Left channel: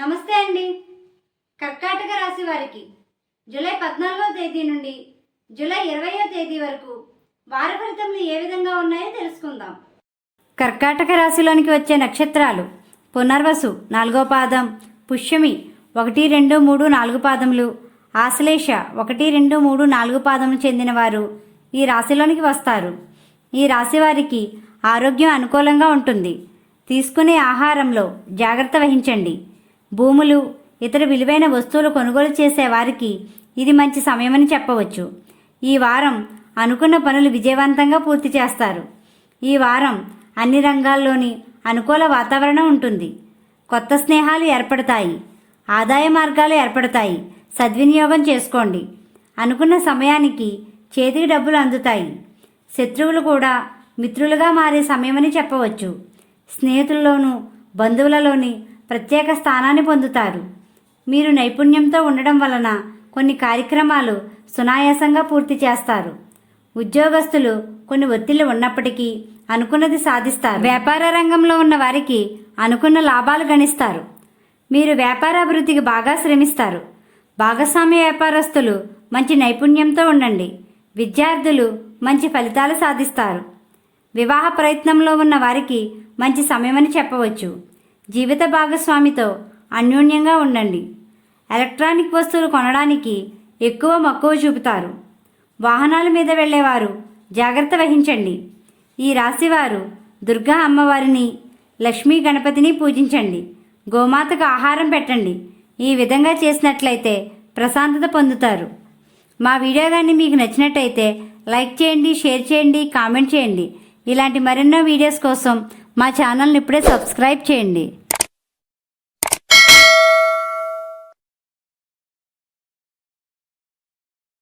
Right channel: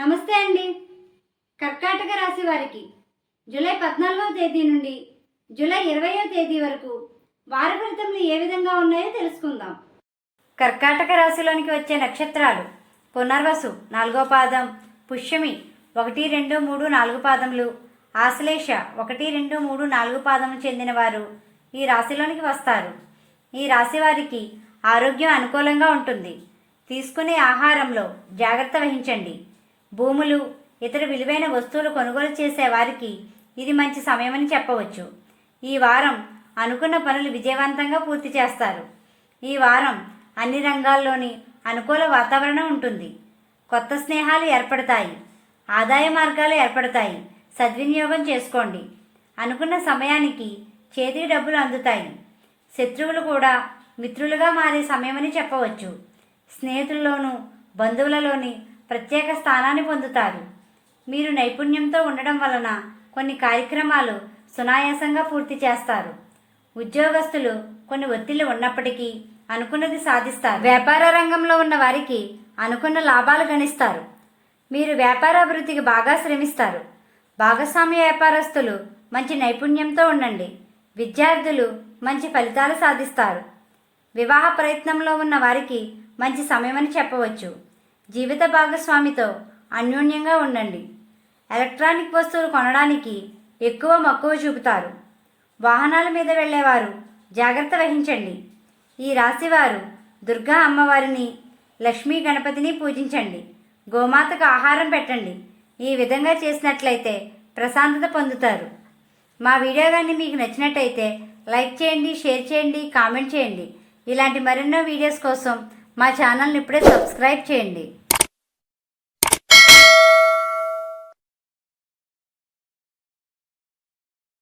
నమస్తే అండి. కర్కాటక రాశి వారికి జూలై 14వ తేదీ నుండి జూలై 20వ తేదీ వరకు వార ఫలితములు ఏ విధంగా ఉన్నాయో తెలుసుకుందాం. కర్కాటక రాశిలోనికి వచ్చే నక్షత్రాలు పునర్వసు 4వ పాదం, పుష్యమి 1, 2, 3, 4 పాదములు, ఆశ్లేష 1, 2, 3, 4 పాదములు చెందిన వారు ఈ రాశిలోనికి వస్తారు. ఈ రాశి వారికి ఆరోగ్యం అనుకూలంగా ఉంటుంది. తీసుకునే ఆహారంలో జాగ్రత్త వహించండి. భూములు, ఇతర విలువైన వస్తువులు కొనుగోలు చేసే వారికి ఇది మంచి సమయమని చెప్పవచ్చు. ఈ వారం అనుకున్న పనులు విజయవంతంగా పూర్తి చేస్తారు. ఈ వారం అన్ని రంగాల్లోని అనుకూల వాతావరణం ఉంటుంది. కొత్త స్నేహాలు ఏర్పడతాయి. ఆదాయ మార్గాలు ఏర్పడతాయి. సద్వినియోగం చేసుకోండి. అనుకున్న సమయానికి చేతికి డబ్బులు అందుతాయి. శత్రువులు కూడా మిత్రులుగా మారే సమయమని చెప్పవచ్చు. స్నేహితుల్లోనూ బంధువులలోని ప్రత్యేక స్థానాన్ని పొందుతారు. మీరు నైపుణ్యంతో ఉండడం వలన కొన్ని కార్యక్రమాలు సునాయాసంగా పూర్తి చేస్తారు. ఉద్యోగస్తులు కొన్ని ఒత్తిళ్లు ఉన్నప్పటికీ అనుకున్నది సాధిస్తారు. వ్యాపార రంగంలో ఉన్న వారికి అనుకున్న లాభాలు గణిస్తారు. మీరు వ్యాపార అభివృద్ధికి బాగా శ్రమిస్తారు. భాగస్వామ్య వ్యాపారస్తులు మంచి నైపుణ్యంతో ఉండండి. విద్యార్థులు మంచి ఫలితాలు సాధిస్తారు. వివాహ ప్రయత్నంలో ఉన్న వారికి మంచి సమయమని చెప్పవచ్చు. జీవిత భాగస్వామితో అన్యోన్యంగా ఉండండి. ఎలక్ట్రానిక్ వస్తువులు కొనడానికి ఎక్కువ మక్కువ చూపుతారు. వాహనాల మీద వెళ్ళేవారు జాగ్రత్త వహించండి. ఈ రాశివారు దుర్గా అమ్మవారిని, లక్ష్మీ గణపతిని పూజించండి. గోమాతకు ఆహారం పెట్టండి. ఈ విధంగా చేసినట్లయితే ప్రశాంతత పొందుతారు. మా వీడియో కానీ మీకు నచ్చినట్టయితే లైక్ చేయండి, షేర్ చేయండి, కామెంట్ చేయండి. ఇలాంటి మరెన్నో వీడియోస్ కోసం మా ఛానల్ని ఇప్పుడే సబ్స్క్రైబ్ చేయండి.